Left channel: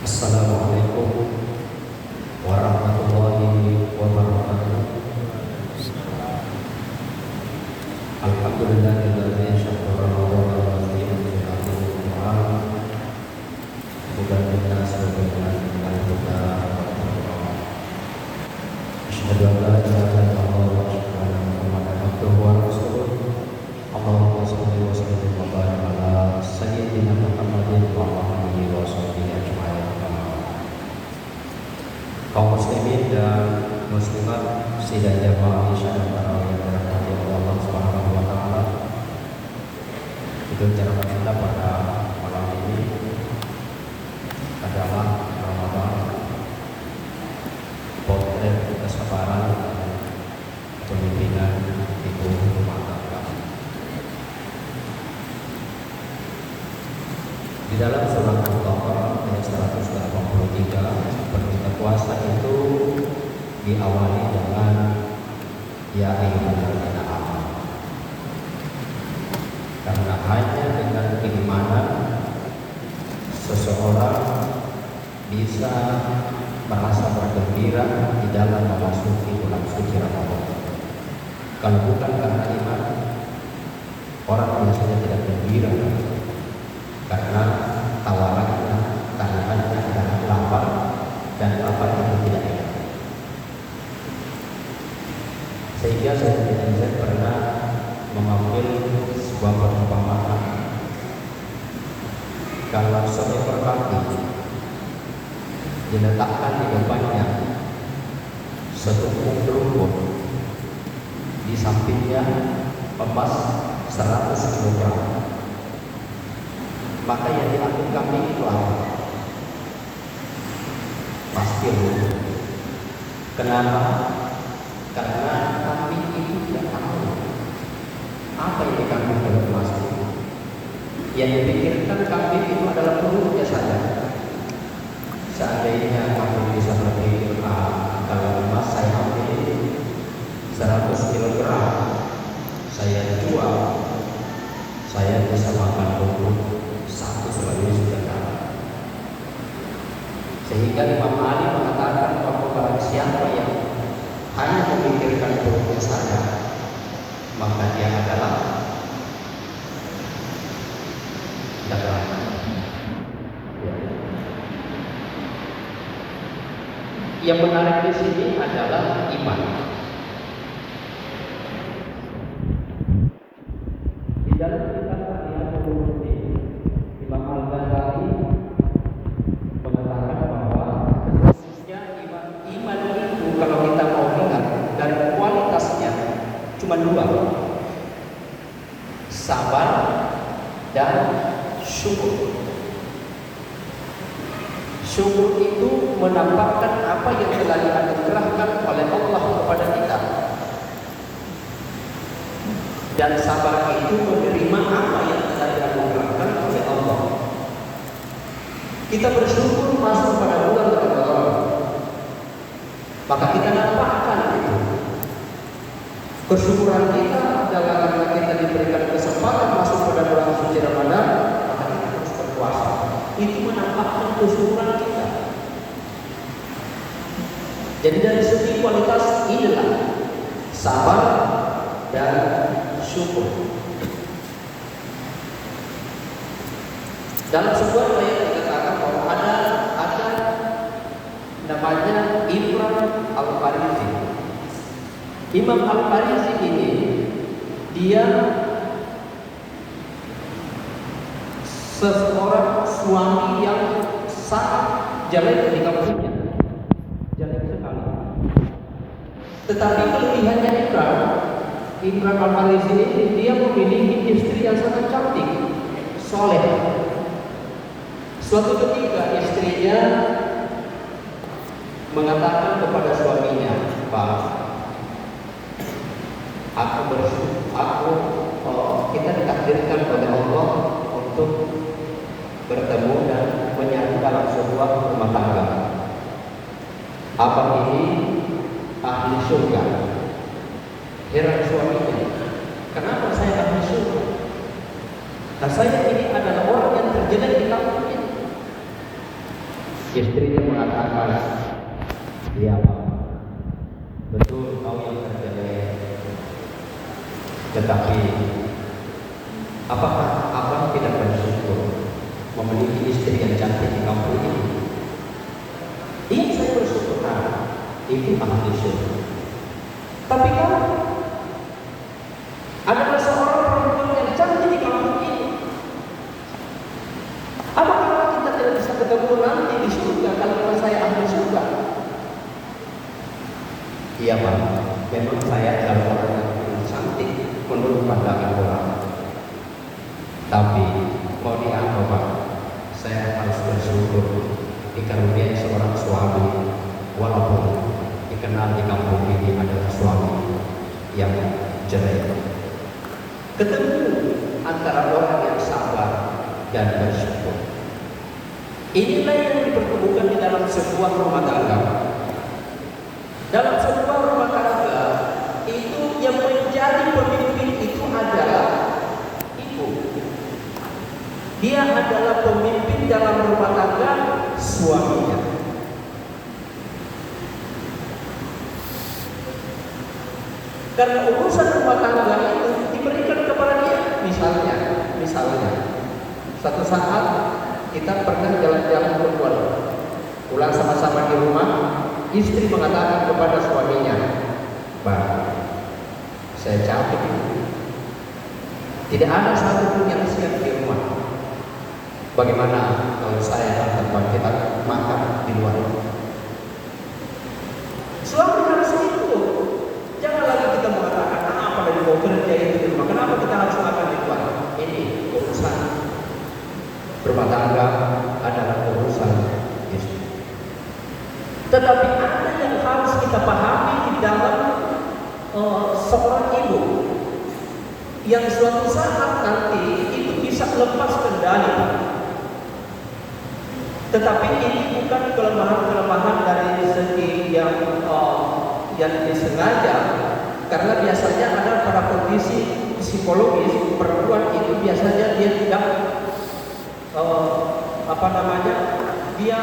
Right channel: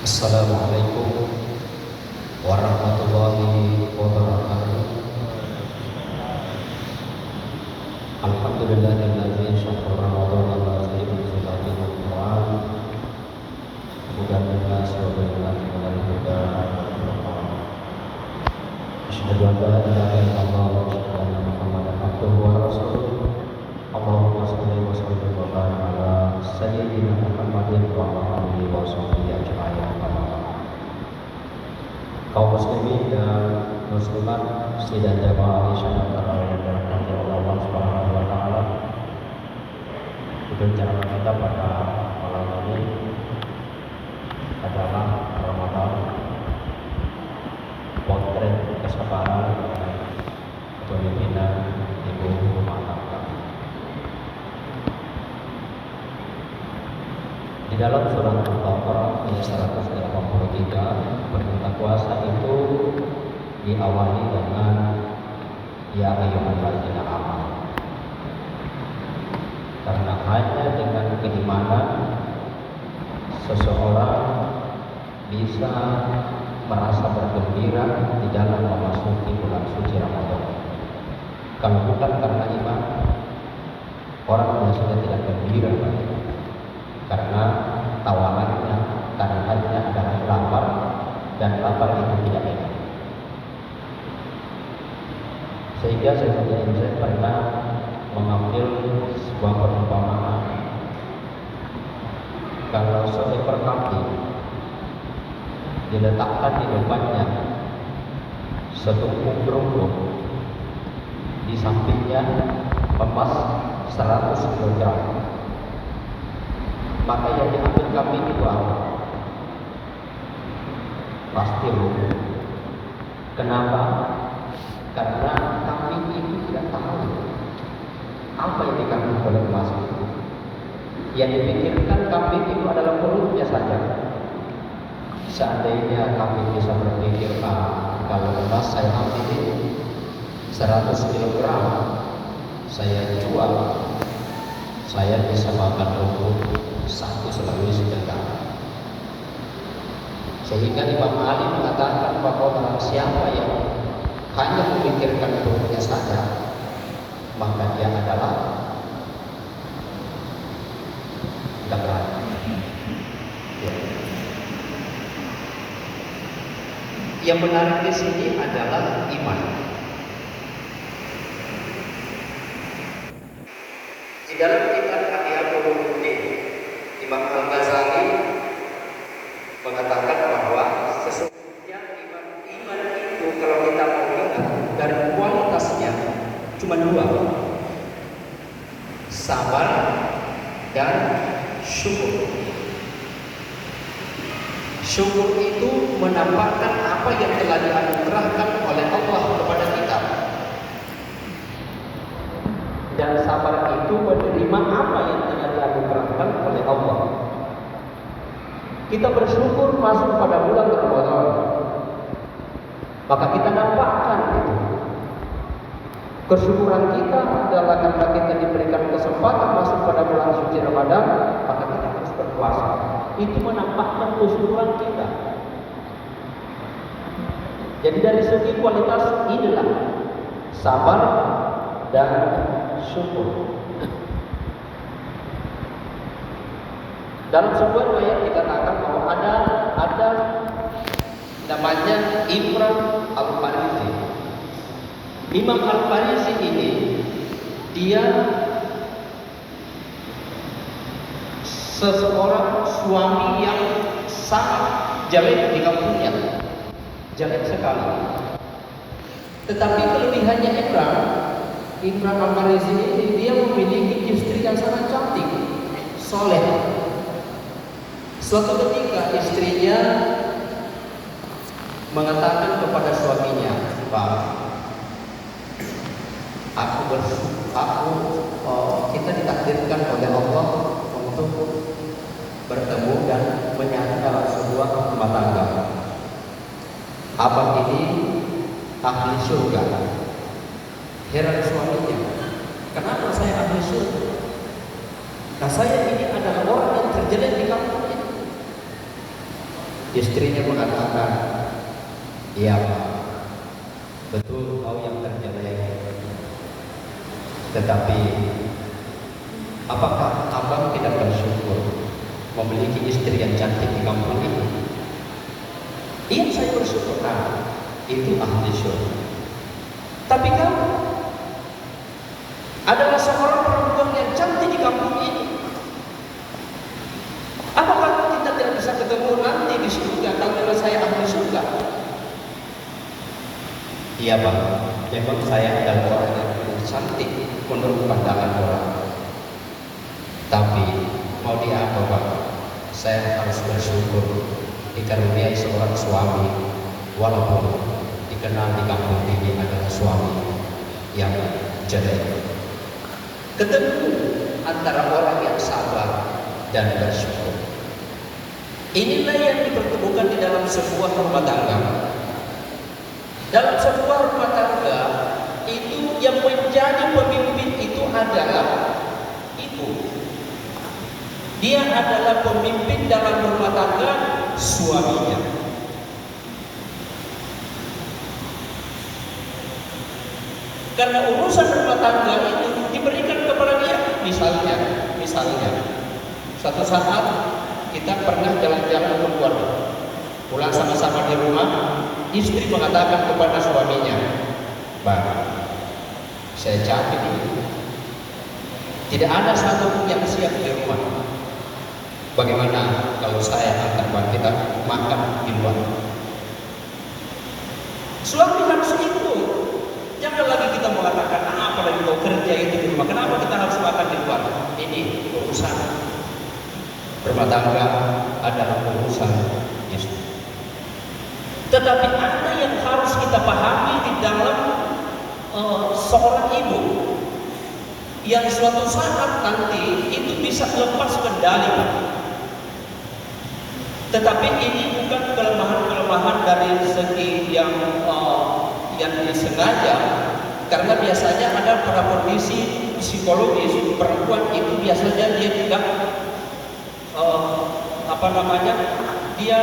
Assalamualaikum warahmatullahi wabarakatuh. Alhamdulillahilladzi syakara wa nafa'ana bi hadhihi al-Qur'an hudan lin-nas wa bayyinatin minal-huda wal-furqan. Asyhadu an la ilaha illallah wa asyhadu anna Muhammadan abduhu wa rasuluh. Allahumma shalli wa sallim wa barik ala sayyidina Muhammadin wa ala alihi wa sahbihi ajma'in. Kaum muslimin dan muslimat sidang jamaah Isya dan tarawih yang dirahmati Allah Subhanahu wa taala. Itu ceramah kita pada malam ini adalah Ramadan, potret kesabaran kepemimpinan ibu rumah tangga. Di dalam surah Al-Baqarah ayat 183 perintah puasa itu diawali dengan ya ayyuhalladzina amanu. Karena hanya dengan keimanan seseorang bisa merasa bergembira di dalam memasuki bulan suci Ramadan. Kalau bukan karena iman, orang biasanya tidak gembira karena tawarannya, taruhannya adalah lapar dan lapar itu tidak enak. Sehingga saya pernah mengambil sebuah perumpamaan. Kalau seekor kambing diletakkan di depannya setumpuk kerupuk, di sampingnya emas 100 kg, maka yang diambil kambing itu apa? Pasti rugi. Kenapa? Karena kambing itu tidak tahu apa yang dikandung dalam emas itu. Yang dipikirkan kambing itu adalah perutnya saja. Seandainya kambing bisa berpikir, kalau emas saya ambil 100 kg, saya jual, saya bisa makan rumput satu selalu sebentar. Sehingga Imam Ali mengatakan bahwa barang siapa yang hanya memikirkan perutnya saja, maka dia adalah dalam. Ya. Yang menarik di sini adalah iman. Di dalam kitab Ihya Ulumuddin, Imam Al-Ghazali mengatakan bahwa sesungguhnya iman itu kalau kita mau lihat dari kualitasnya cuma dua, sabar dan syukur. Syukur itu menampakkan apa yang telah dianugerahkan oleh Allah kepada kita, dan sabar itu menerima apa yang telah dianugerahkan oleh Allah. Kita bersyukur masuk pada bulan Ramadan, maka kita dapatkan itu. Bersyukuran kita adalah karena kita diberikan kesempatan masuk pada bulan suci Ramadan, maka kita harus berpuasa. Itu menampakkan kesyukuran kita. Jadi dari segi kualitas inilah sabar dan syukur. Dalam sebuah ayat dikatakan bahwa ada namanya Imam Al-Farizi. Imam Al-Farizi ini dia seseorang suami yang sangat jelek di kampungnya, jelek sekali. Tetapi kelebihannya Imam Al-Farizi ini dia memiliki istri yang sangat cantik, soleh. Suatu ketika istrinya mengatakan kepada suaminya, "Pak, kita ditakdirkan oleh Allah untuk bertemu dan menyatu dalam sebuah rumah tangga. Abang ini ahli surga." Heran suaminya, "Kenapa saya ahli surga? Nah, saya ini adalah orang yang terjelek di kampung ini." Istrinya mengatakan, iya Pak, betul kau yang terjelek. Tetapi apakah abang tidak bersyukur memiliki istri yang cantik di kampung ini? Iya, saya bersyukur. Itu ahli syurga. Tapi kau adalah seorang perempuan yang cantik di kampung ini. Apakah kita tidak bisa ketemu nanti di surga kalau saya ahli surga? Iya Pak, memang saya adalah orang yang cantik menurut pandangan orang. Tapi mau di apa Pak? Saya harus bersyukur dikaruniai seorang suami, walaupun dikenal di kampung ini adalah suami yang jelek. Ketemu antara orang yang sabar dan bersyukur. Inilah yang dipertemukan di dalam sebuah rumah tangga. Dalam sebuah rumah tangga itu yang menjadi pemimpin itu adalah ibu. Dia adalah pemimpin dalam rumah tangga suaminya. Karena urusan rumah tangga itu diberikan kepada dia. Misalnya, satu saat kita pernah jalan-jalan keluar, pulang sama-sama di rumah, istri mengatakan kepada suaminya, "Bang, saya capek. Tidak ada satupun yang siap di rumah. Bagaimana kalau saya antar kita makan di luar?" Suami harus ikut. Jangan lagi kita mengatakan, apa lagi mau kerja itu di rumah, kenapa kita harus makan di luar? Ini urusan rumah tangga adalah urusan istri. Tetapi ada yang harus kita pahami di dalam seorang ibu yang suatu saat nanti itu bisa lepas kendali. Tetapi ini bukan kelemahan-kelemahan dari segi yang disengaja, karena biasanya ada pada kondisi psikologis perempuan itu biasanya dia tidak dia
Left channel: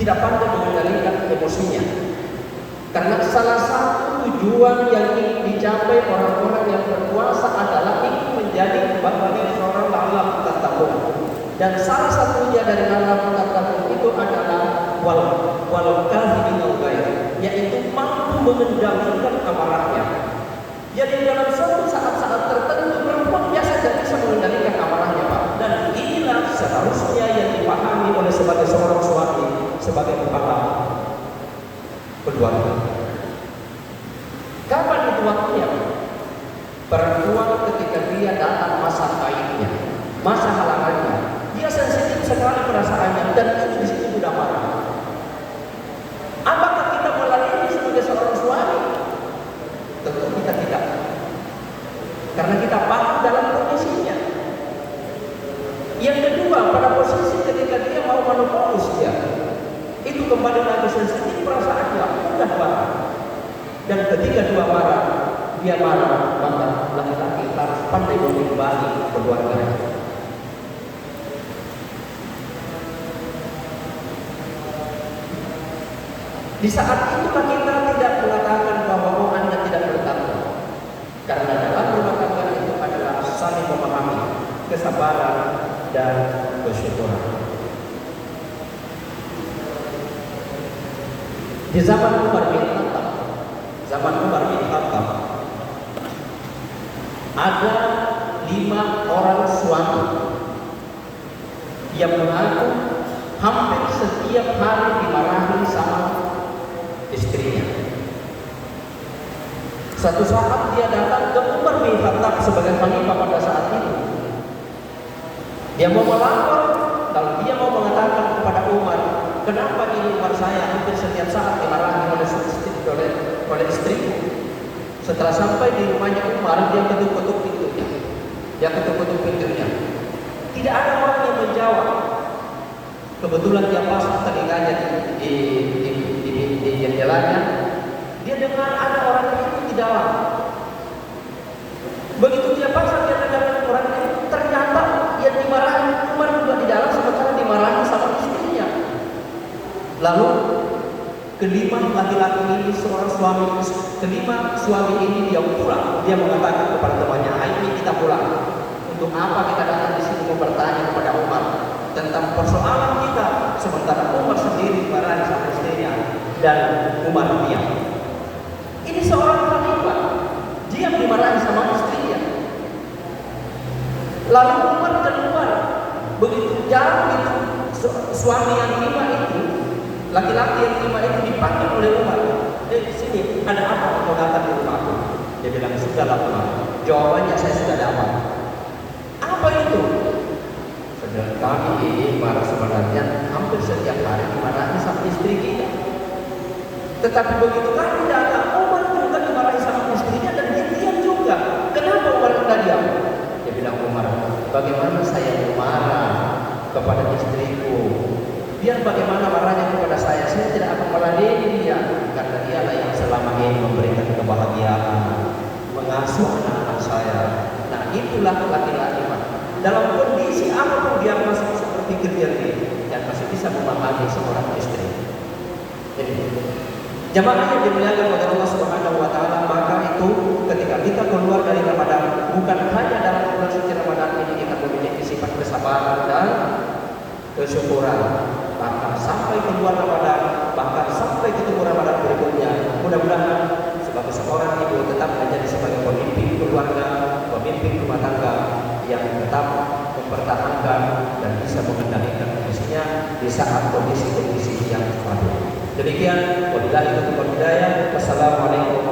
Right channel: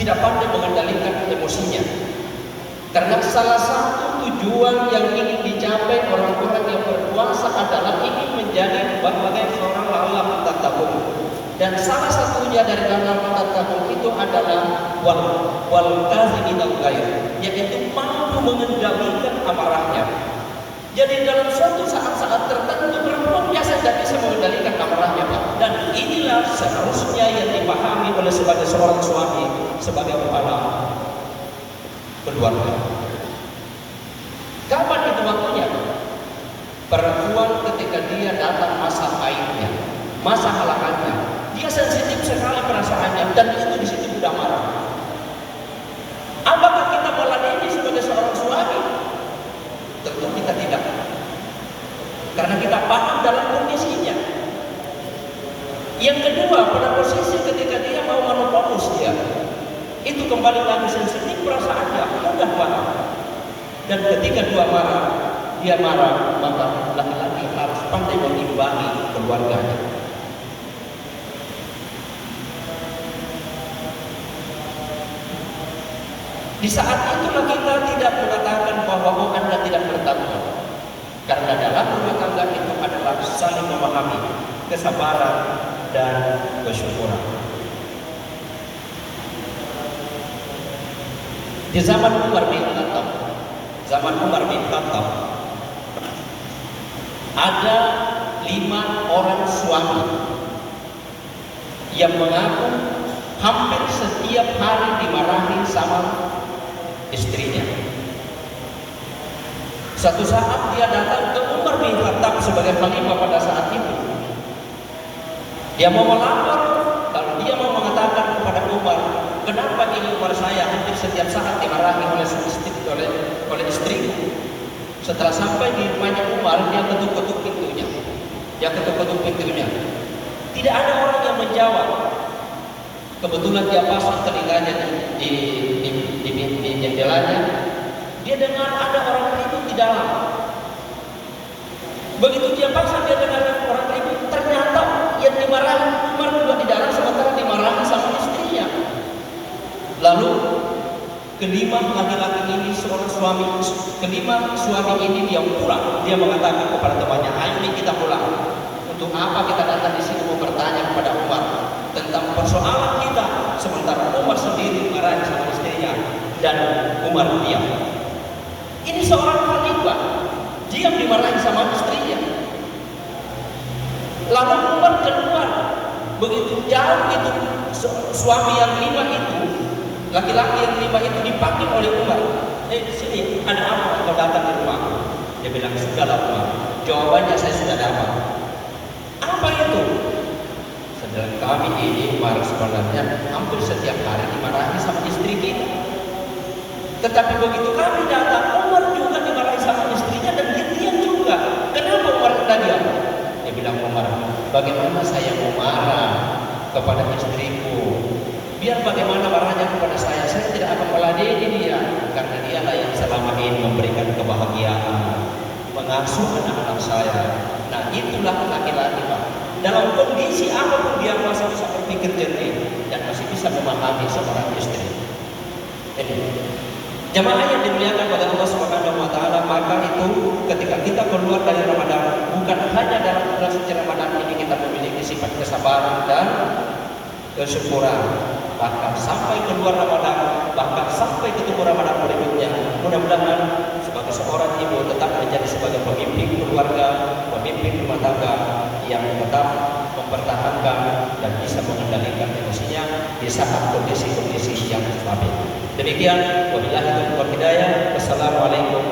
tidak pandai mengendalikan emosinya. Karena salah satu tujuan yang ingin dicapai orang-orang yang berkuasa adalah ingin menjadi bagian seorang laki-laki tatabun. Dan salah satunya dari laki-laki tatabun itu adalah wal kazimin al-ghaib, yaitu mampu mengendalikan amarahnya. Jadi dalam suatu saat-saat tertentu perempuan biasa tidak bisa mengendalikan amarahnya, Pak. Dan inilah seharusnya yang dipahami oleh sebagai seorang suami, sebagai kepala keluarga. Kapan itu waktunya? Perempuan ketika dia datang masa haidnya, masa halangannya, dia sensitif sekali perasaannya, dan itu di situ mudah marah. Apakah kita meladeni sebagai seorang suami? Tentu kita tidak, karena kita paham dalam kondisinya. Yang kedua, pada posisi ketika dia mau menopause dia, itu kembali lagi sensitif perasaannya, mudah marah. Dan ketika dia marah, maka laki-laki harus pandai mengimbangi keluarganya. Di saat itulah kita tidak mengatakan bahwa Anda tidak bertakwa, karena dalam rumah tangga itu adalah saling memahami, kesabaran dan kesyukuran. Di zaman Umar bin Khattab, ada 5 orang suami yang mengaku hampir setiap hari dimarahi sama istrinya. Suatu saat dia datang ke Umar bin Khattab sebagai khalifah pada saat itu. Dia mau melapor, lalu dia mau mengatakan kepada Umar, kenapa ini Umar saya hampir setiap saat dimarahi oleh istriku. Setelah sampai di rumahnya Umar, dia ketuk-ketuk pintunya. Tidak ada orang yang menjawab. Kebetulan dia pasang telinganya di jendelanya. Dia dengar ada orang ribut di dalam. Begitu dia pasang, dia dengar orang ribut. Ternyata yang dimarahi Umar juga di dalam, sementara dimarahi sama istrinya. Kelima laki-laki ini seorang suami, kelima suami ini dia pulang. Dia mengatakan kepada temannya, ayo nih kita pulang. Untuk apa kita datang di sini mau bertanya kepada Umar tentang persoalan kita, sementara Umar sendiri marah sama istrinya dan Umar diam. Ini seorang khalifah, diam dimarahi sama istrinya. Lalu Umar keluar. Begitu jauh itu suami yang lima itu, laki-laki yang lima itu dipanggil oleh Umar. Sini, ada apa kau datang di rumahku? Dia bilang, sudahlah Umar. Jawabannya saya sudah dapat. Apa itu? Sedang kami ini Umar sebenarnya hampir setiap hari dimarahi sama istri kita. Tetapi begitu kami datang, Umar juga dimarahi sama istrinya dan dia diam juga. Kenapa Umar tidak diam? Dia bilang, Umar, bagaimana saya mau marah kepada istriku? Biar bagaimana marahnya kepada saya tidak akan meladeni dia, karena dialah yang selama ini memberikan kebahagiaan, mengasuh anak-anak saya. Nah, itulah laki-laki, Pak. Dalam kondisi apapun dia masih bisa berpikir jernih dan masih bisa memahami seorang istri. Jadi, jamaah yang dimuliakan oleh Allah Subhanahu wa taala, maka itu ketika kita keluar dari Ramadan, bukan hanya dalam bulan suci Ramadan ini kita memiliki sifat kesabaran dan kesyukuran, bahkan sampai keluar Ramadan, bahkan sampai ketemu Ramadan berikutnya. Mudah-mudahan sebagai seorang ibu tetap menjadi sebagai pemimpin keluarga, pemimpin rumah tangga yang tetap mempertahankan dan bisa mengendalikan emosinya di saat kondisi-kondisi yang stabil. Demikian, wabillahi taufiq wal hidayah. Wassalamualaikum